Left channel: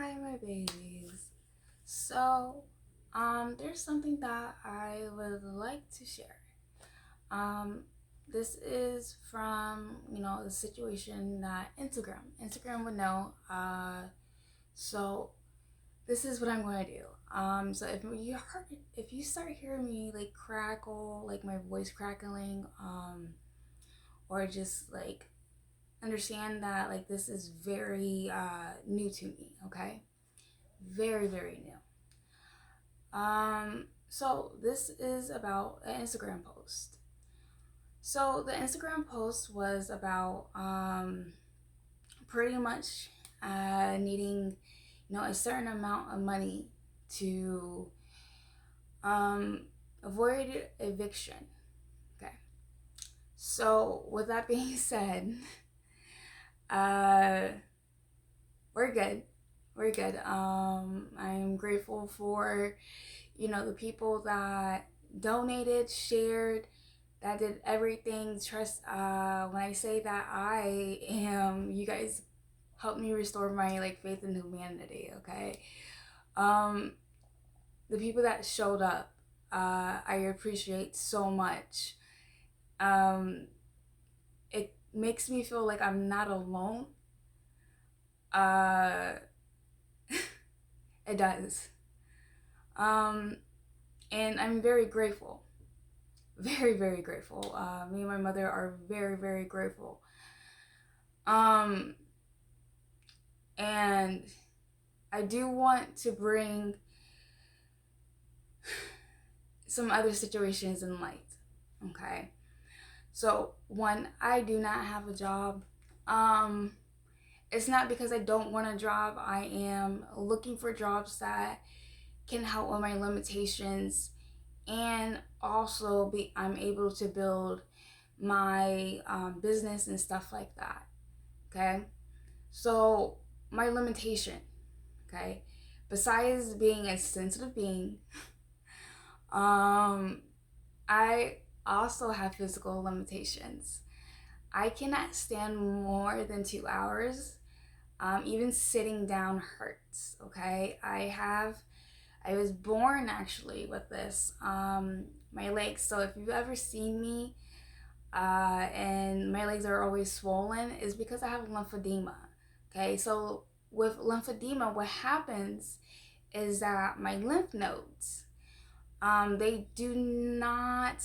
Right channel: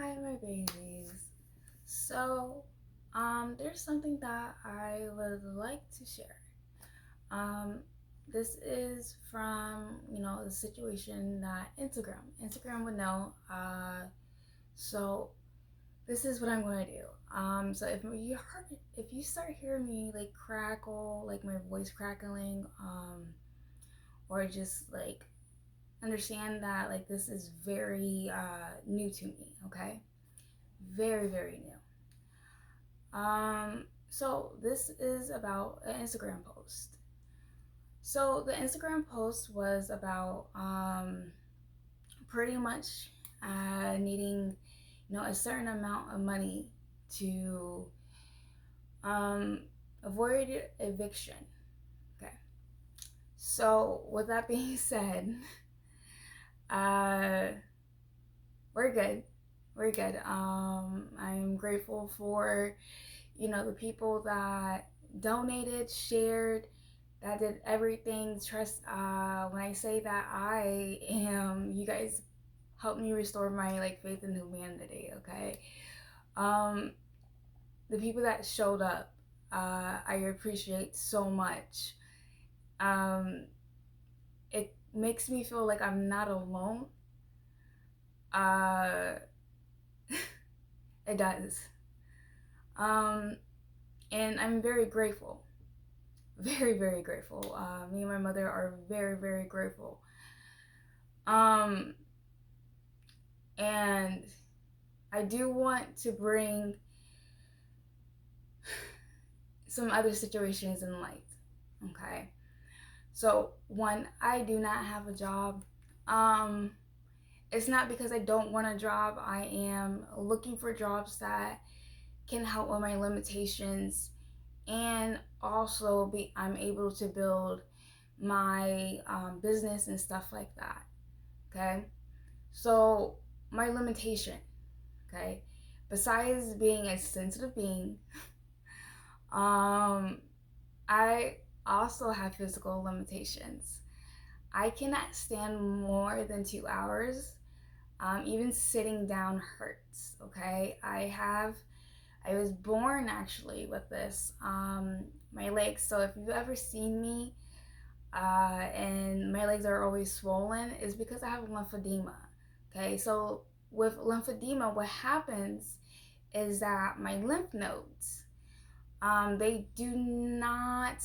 Hi, my babies. So, there's something that I would like to share. Um, this is from, the situation that Instagram would know. So this is what I'm going to do. So if you start hearing me like crackle, like my voice crackling, or just like understand that like this is very new to me, okay? Very, very new. So this is about an Instagram post. So the Instagram post was about pretty much needing, a certain amount of money to um, avoid eviction. Okay. So with that being said, uh, we're good. We're good. I'm grateful for, the people that donated, shared, that did everything. Trust, when I say that I am, you guys helped me restore my like faith in humanity, okay? Um, the people that showed up, I appreciate so much. Um, it makes me feel like I'm not alone. Uh, it does. Um, and I'm very grateful. Very, very grateful. Me and my mother are very, very grateful. Um, and I do want to bring some other situations in light. Okay. So, one, I do not have a job. Um, it's not because I don't want a job. I am looking for jobs that can help with my limitations and also I'm able to build my business and stuff like that. Okay. So, my limitation, okay, besides being a sensitive being, um, I also have physical limitations. I cannot stand more than 2 hours. Even sitting down hurts. Okay, I was born actually with this. My legs. So if you've ever seen me, and my legs are always swollen, is because I have lymphedema. Okay, so with lymphedema, what happens is that my lymph nodes, they do not,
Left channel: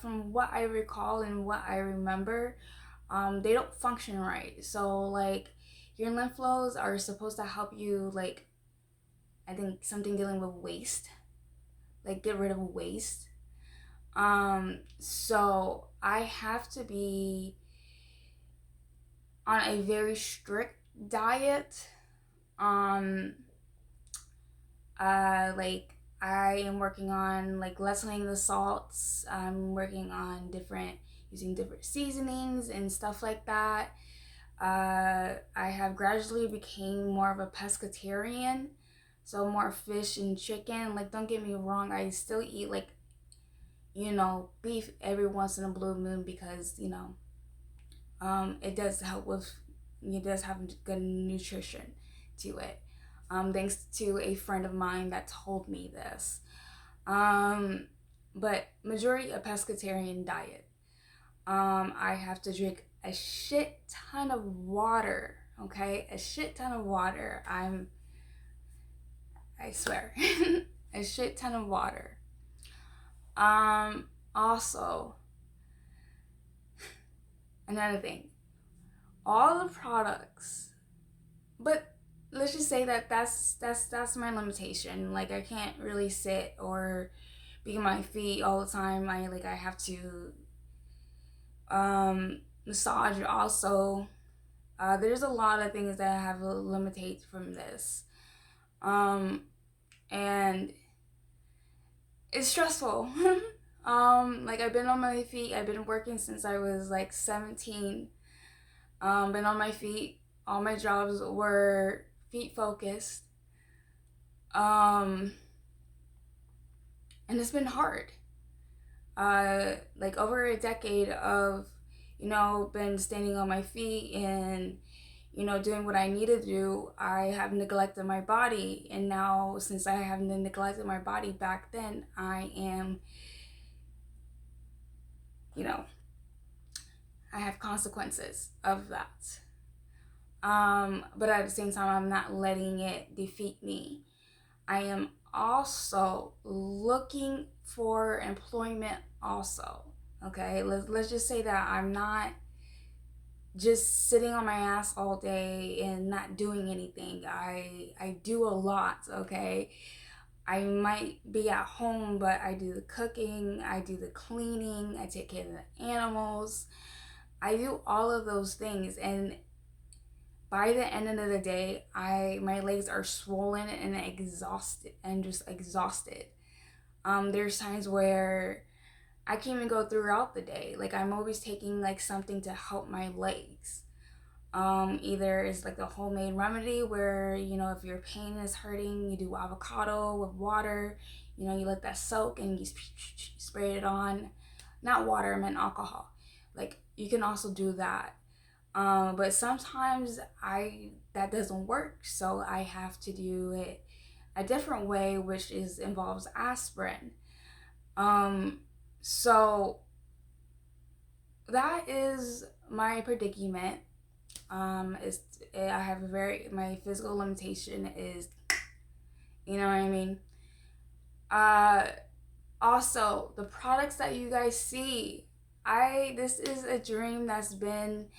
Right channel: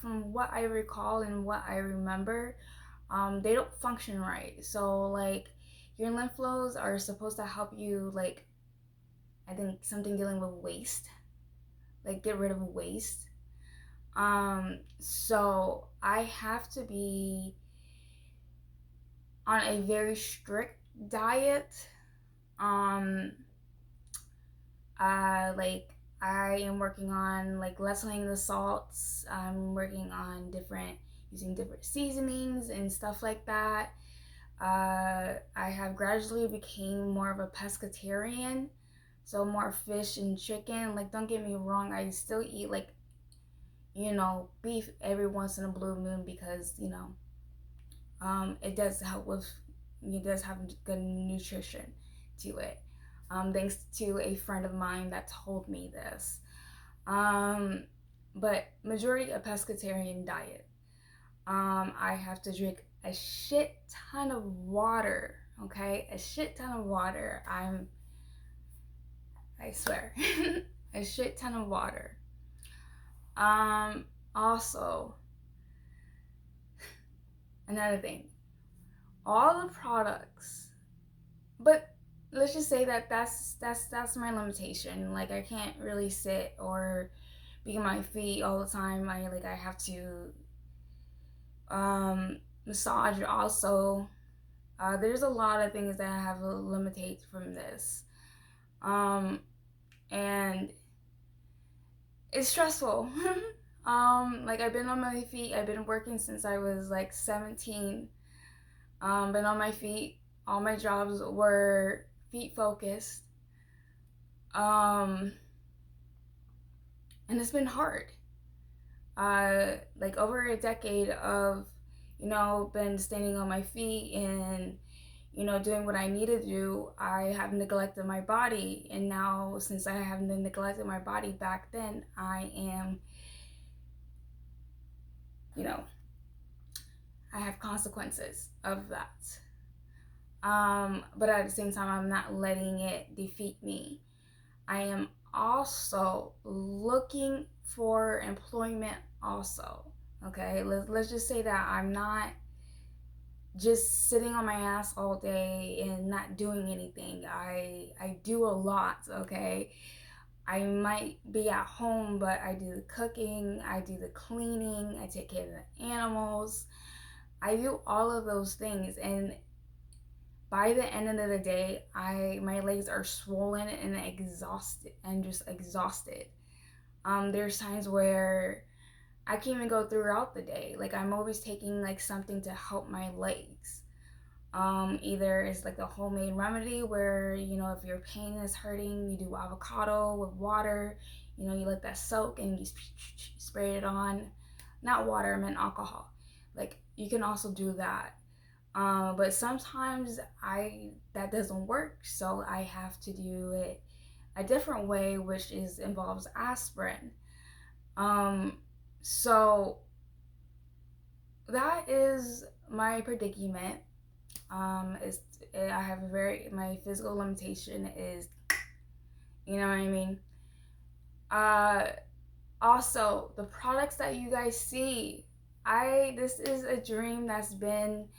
from what I recall and what I remember, they don't function right. So like your lymph nodes are supposed to help you, like, I think something dealing with waste, like get rid of waste. So I have to be on a very strict diet. Um, like I am working on like lessening the salts. I'm working on using different seasonings and stuff like that. I have gradually became more of a pescatarian, so more fish and chicken. Like, don't get me wrong, I still eat like, beef every once in a blue moon because it does help with, it does have good nutrition to it. Thanks to a friend of mine that told me this. Um, but majority a pescatarian diet. I have to drink a shit ton of water. Okay, a shit ton of water. I swear, a shit ton of water. Also, another thing, all the products, but let's just say that that's my limitation. Like I can't really sit or be on my feet all the time. I have to massage also. There's a lot of things that I have to limitate from this. And it's stressful. Like I've been on my feet. I've been working since I was like 17. Been on my feet. All my jobs were feet focused. Um, and it's been hard. Like over a decade of, been standing on my feet and, doing what I need to do, I have neglected my body. And now, since I have neglected my body back then, I am, I have consequences of that. But at the same time, I'm not letting it defeat me. I am also looking for employment also. Okay, let's just say that I'm not just sitting on my ass all day and not doing anything. I do a lot, okay? I might be at home, but I do the cooking, I do the cleaning, I take care of the animals. I do all of those things, and by the end of the day, my legs are swollen and exhausted. I'm just exhausted. There's times where I can't even go throughout the day. Like, I'm always taking like something to help my legs. Either it's like a homemade remedy where, if your pain is hurting, you do avocado with water. You let that soak and you spray it on. Not water, I meant alcohol. Like, you can also do that. But sometimes that doesn't work, so I have to do it a different way, which involves aspirin. So that is my predicament. I have my physical limitation is, you know what I mean? Also, the products that you guys see, this is a dream that's been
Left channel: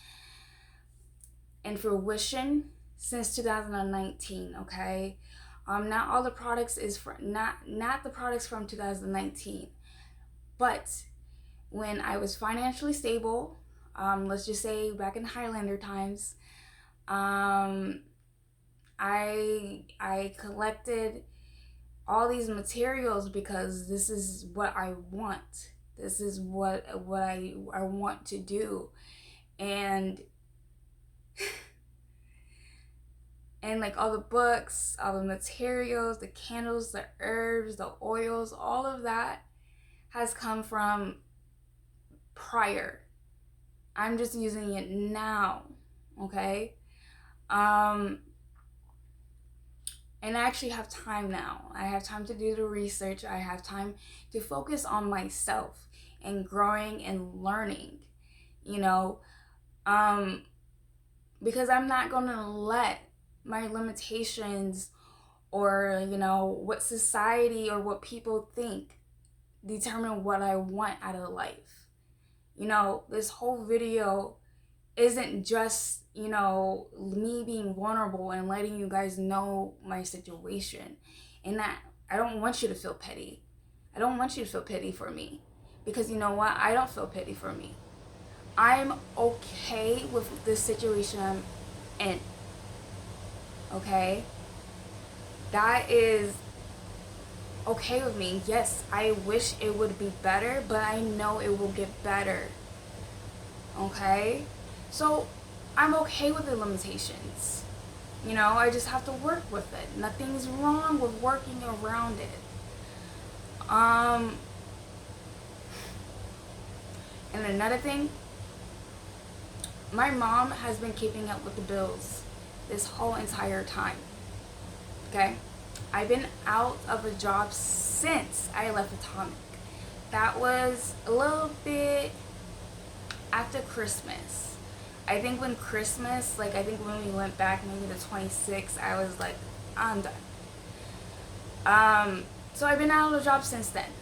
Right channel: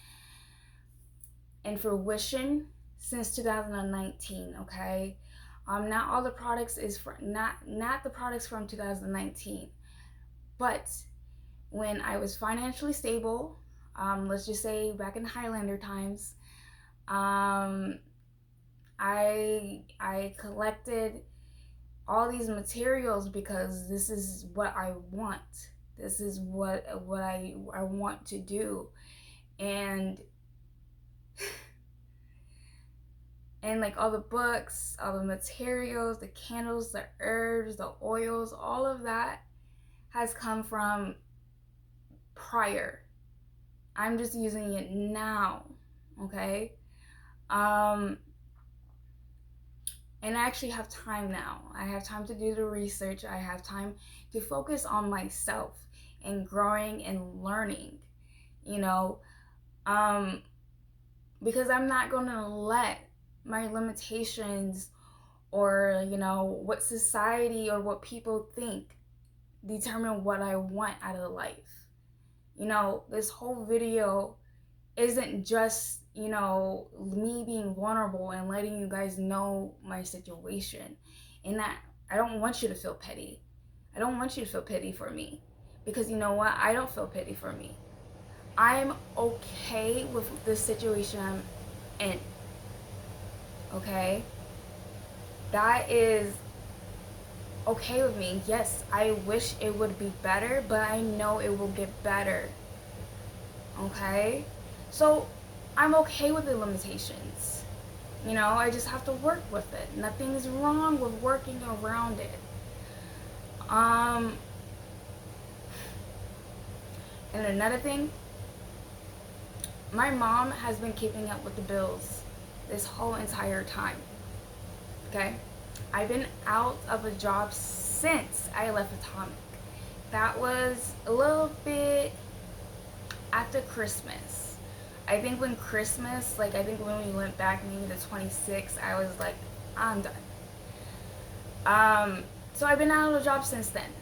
in fruition since 2019, okay? Not all the products is not the products from 2019, but when I was financially stable, let's just say back in Highlander times, I collected all these materials because this is what I want. This is what I want to do, and like all the books, all the materials, the candles, the herbs, the oils, all of that has come from prior. I'm just using it now, okay? And I actually have time now. I have time to do the research. I have time to focus on myself and growing and learning, because I'm not gonna let my limitations or what society or what people think determine what I want out of life. This whole video isn't just me being vulnerable and letting you guys know my situation, and that I don't want you to feel pity. I don't want you to feel pity for me, because you know what, I don't feel pity for me. I'm okay with this situation I'm in. Okay, that is okay with me. Yes, I wish it would be better, but I know it will get better. Okay, so I'm okay with the limitations. I just have to work with it. Nothing's wrong with working around it. And another thing, my mom has been keeping up with the bills this whole entire time. Okay? I've been out of a job since I left Atomic. That was a little bit after Christmas. I think when we went back maybe the 26th, I was like, I'm done. So I've been out of a job since then.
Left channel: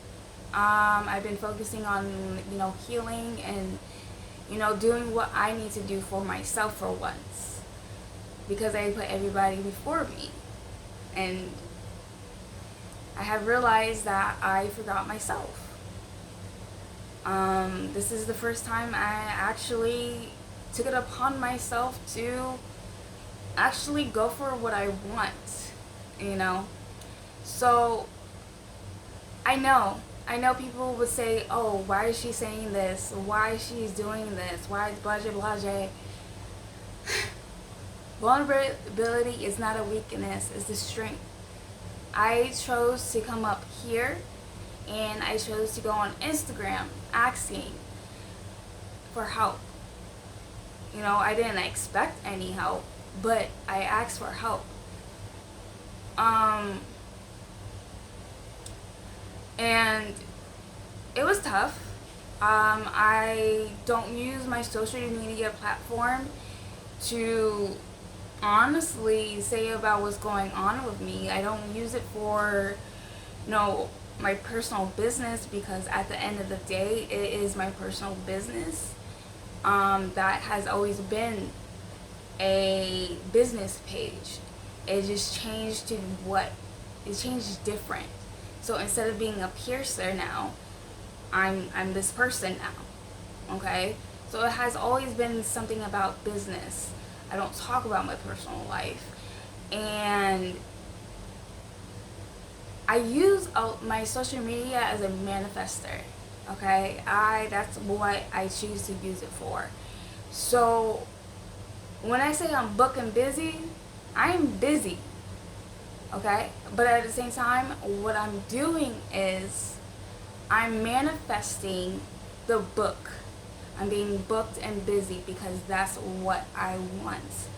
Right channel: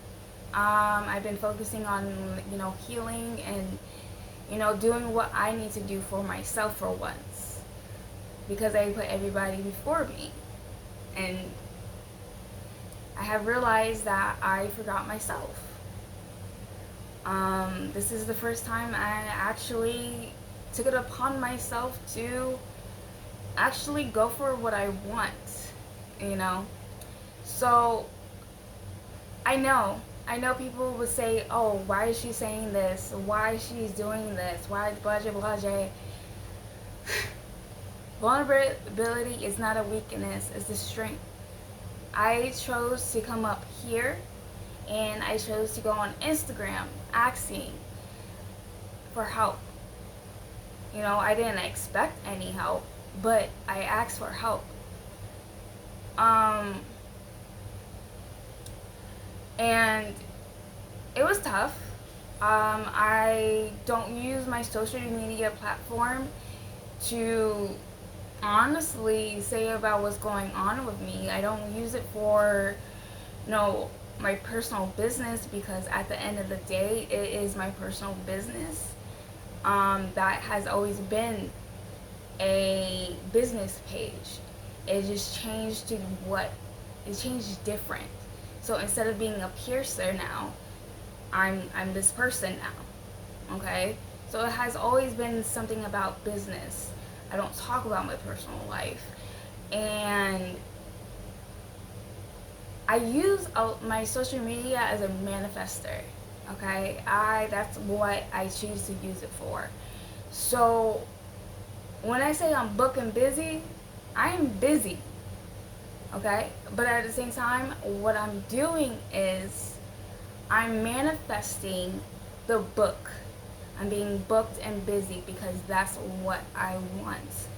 I've been focusing on, healing and, doing what I need to do for myself for once. Because I put everybody before me. And I have realized that I forgot myself. This is the first time I actually took it upon myself to actually go for what I want, So I know people would say, oh, why is she saying this? Why she's doing this? Why blah, blah, blah. Vulnerability is not a weakness, it's a strength. I chose to come up here and I chose to go on Instagram asking for help. I didn't expect any help. but I asked for help. Um, and it was tough. I don't use my social media platform to honestly say about what's going on with me. I don't use it for, my personal business, because at the end of the day, it is my personal business. That has always been a business page. It just changed to it changed different. So instead of being a piercer now, I'm this person now. Okay? So it has always been something about business. I don't talk about my personal life. And I use my social media as a manifester. Okay? That's what I choose to use it for. So when I say I'm booked and busy, I am busy. Okay? But at the same time, what I'm doing is I'm manifesting the book. I'm being booked and busy because that's what I want.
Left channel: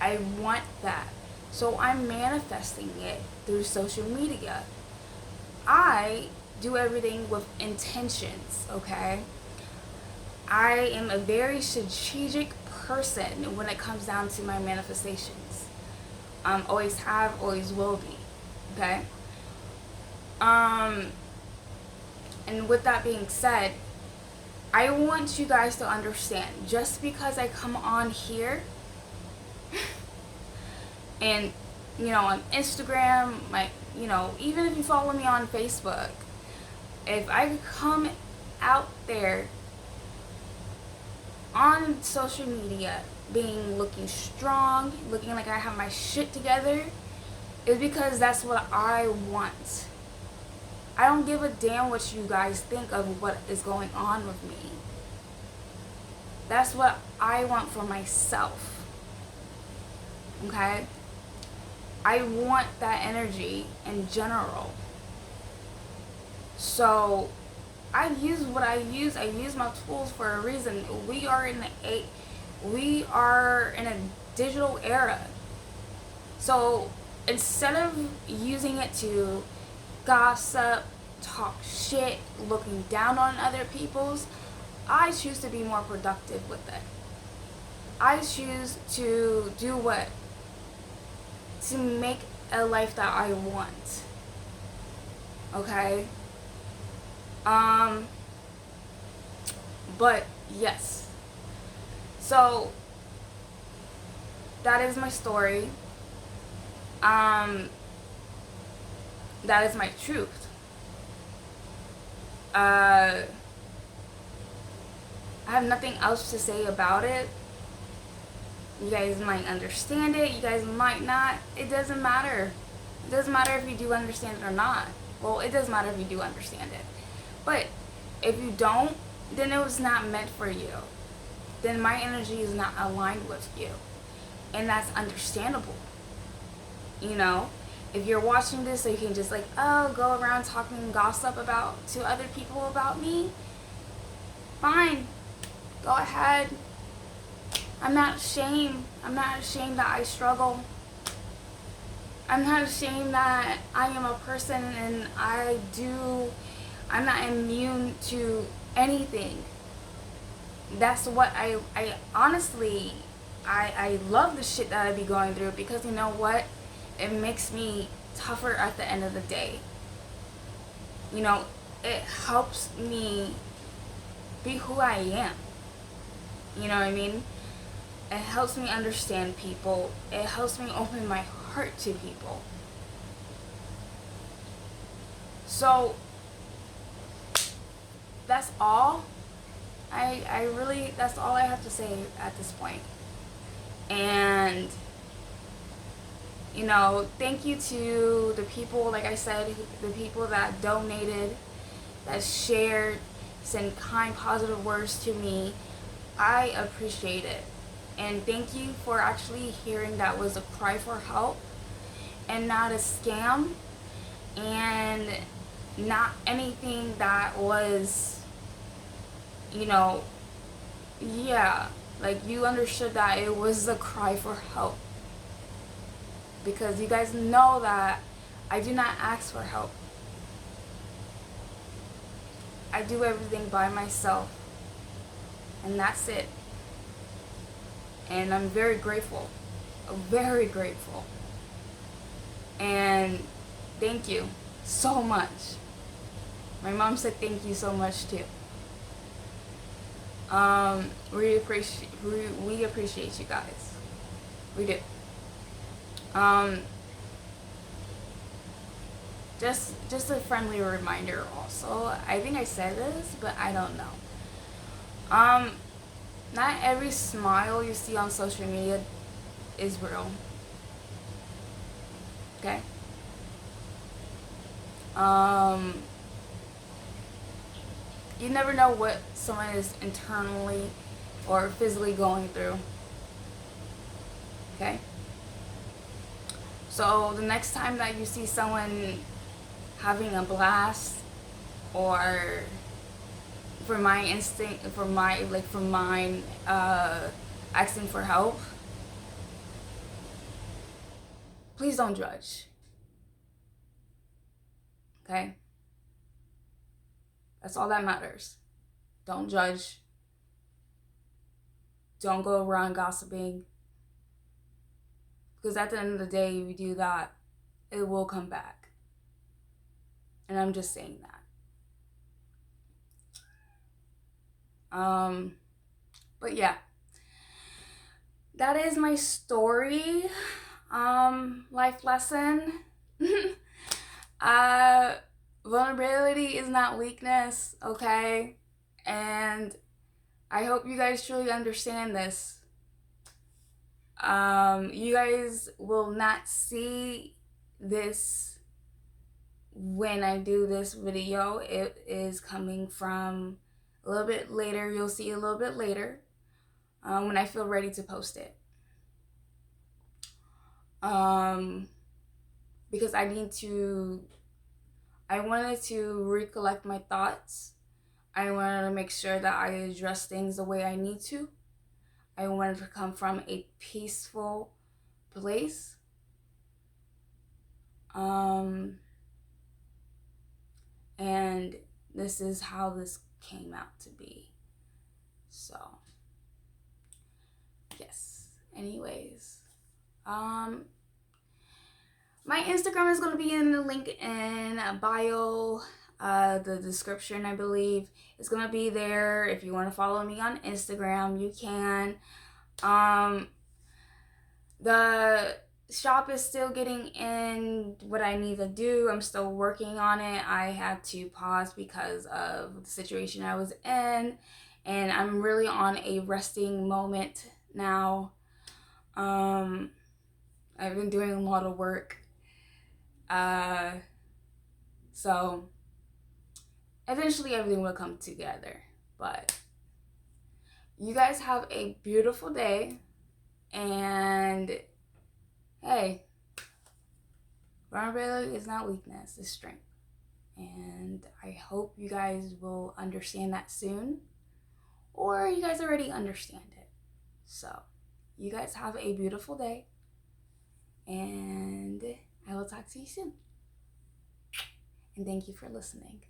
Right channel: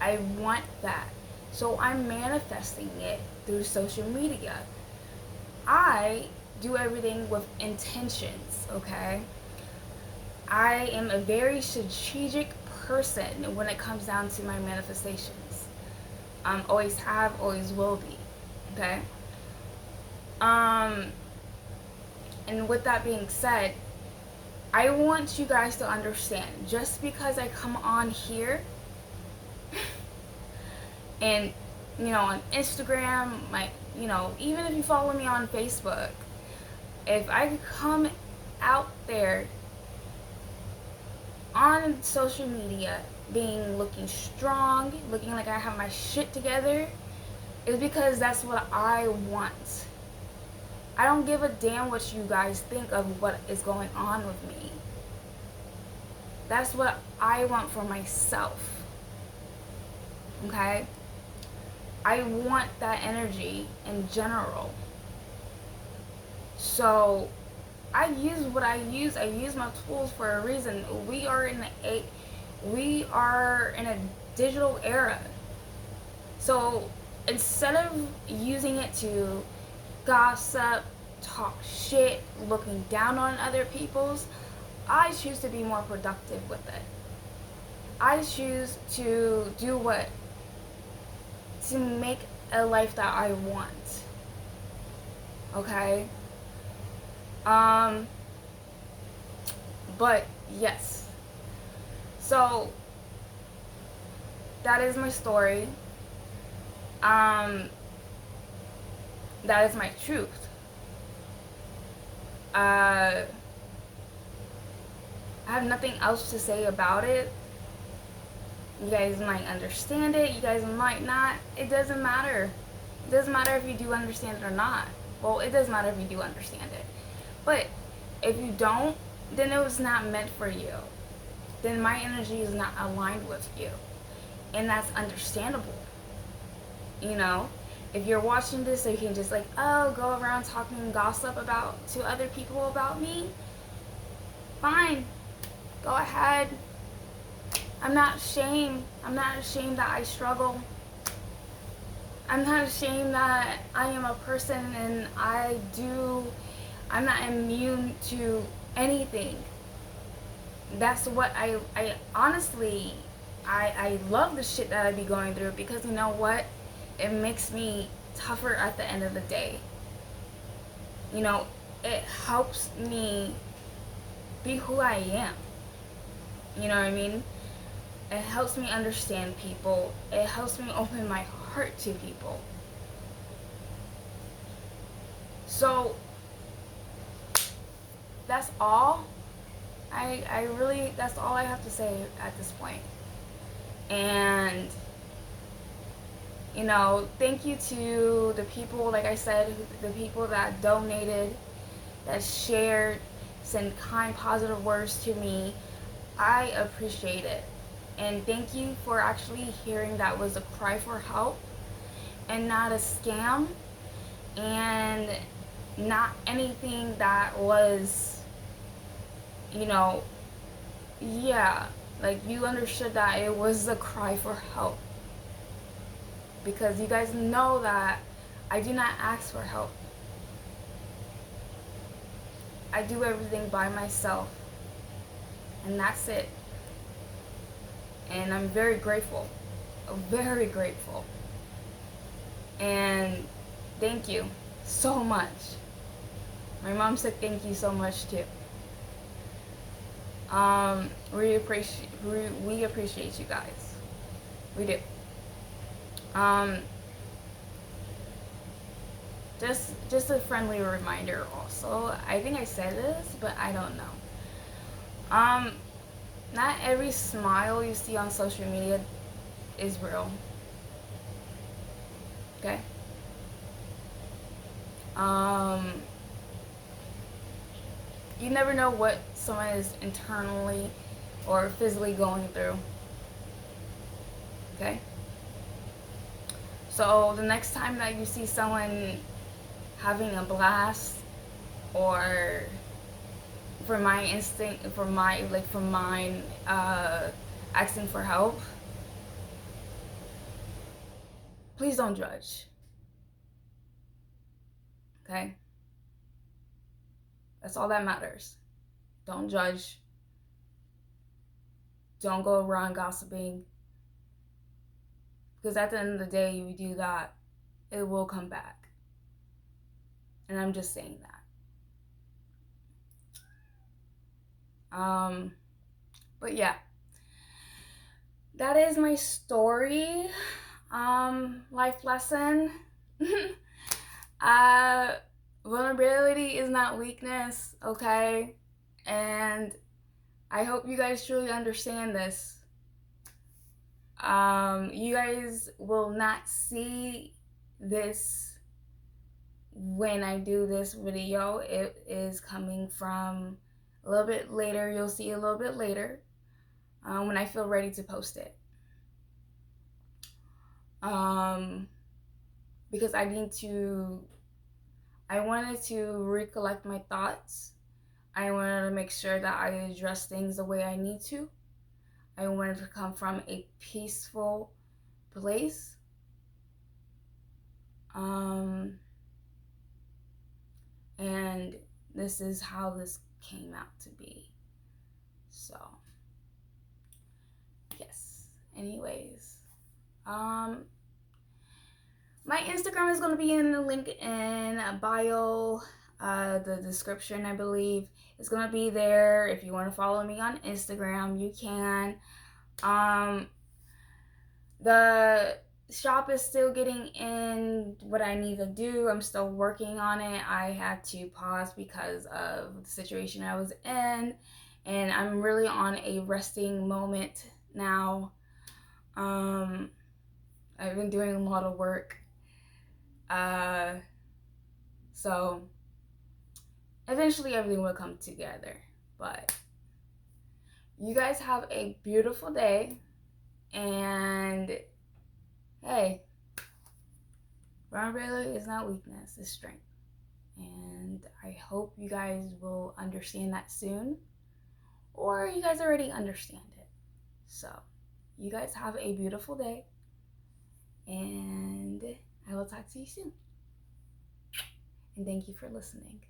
I want that. So I'm manifesting it through social media. I do everything with intentions, okay? I am a very strategic person when it comes down to my manifestations. Always have, always will be, okay? And with that being said, I want you guys to understand, just because I come on here and, on Instagram, even if you follow me on Facebook, if I come out there on social media looking strong, looking like I have my shit together, is because that's what I want. I don't give a damn what you guys think of what is going on with me. That's what I want for myself. Okay? I want that energy in general. So I use what I use. I use my tools for a reason. We are in a digital era. So instead of using it to gossip, talk shit, looking down on other people's, I choose to be more productive with it. I choose to to make a life that I want. Okay? But yes. So that is my story. That is my truth. I have nothing else to say about it. You guys might understand it. You guys might not. It doesn't matter. It doesn't matter if you do understand it or not. Well, it does matter if you do understand it. But if you don't, then it was not meant for you. Then my energy is not aligned with you. And that's understandable. If you're watching this, so you can just go around talking gossip to other people about me, fine. Go ahead. I'm not ashamed. I'm not ashamed that I struggle. I'm not ashamed that I am a person and I'm not immune to anything. That's what I honestly, I love the shit that I be going through, because you know what? It makes me tougher at the end of the day. It helps me be who I am. You know what I mean? It helps me understand people. It helps me open my heart to people. So that's all. That's all I have to say at this point. And thank you to the people, like I said, the people that donated, that shared, sent kind, positive words to me. I appreciate it. And thank you for actually hearing that was a cry for help and not a scam, and not anything that was, you understood that it was a cry for help. because you guys know that I do not ask for help. I do everything by myself, and that's it. And I'm very grateful, very grateful. And thank you so much. My mom said thank you so much too. We appreciate you guys. We do. Just a friendly reminder also. I think I said this, but I don't know. Not every smile you see on social media is real. Okay? You never know what someone is internally or physically going through. Okay? So the next time that you see someone having a blast, or for mine asking for help, please don't judge. Okay? That's all that matters. Don't judge. Don't go around gossiping. Because at the end of the day, if you do that, it will come back. And I'm just saying that. But yeah. That is my story. Life lesson. Vulnerability is not weakness, okay? And I hope you guys truly understand this. You guys will not see this when I do this video. It is coming from a little bit later. You'll see a little bit later when I feel ready to post it. Because I wanted to recollect my thoughts. I wanted to make sure that I address things the way I need to. I wanted to come from a peaceful place. And this is how this came out to be. So, yes. Anyways, my Instagram is going to be in the link in bio, the description, I believe. It's going to be there. If you want to follow me on Instagram, you can. The shop is still getting in what I need to do. I'm still working on it. I had to pause because of the situation I was in. And I'm really on a resting moment now. I've been doing a lot of work. So eventually everything will come together. But you guys have a beautiful day. And hey, vulnerability is not weakness, it's strength. And I hope you guys will understand that soon. Or you guys already understand it. So you guys have a beautiful day. And I will talk to you soon. And thank you for listening.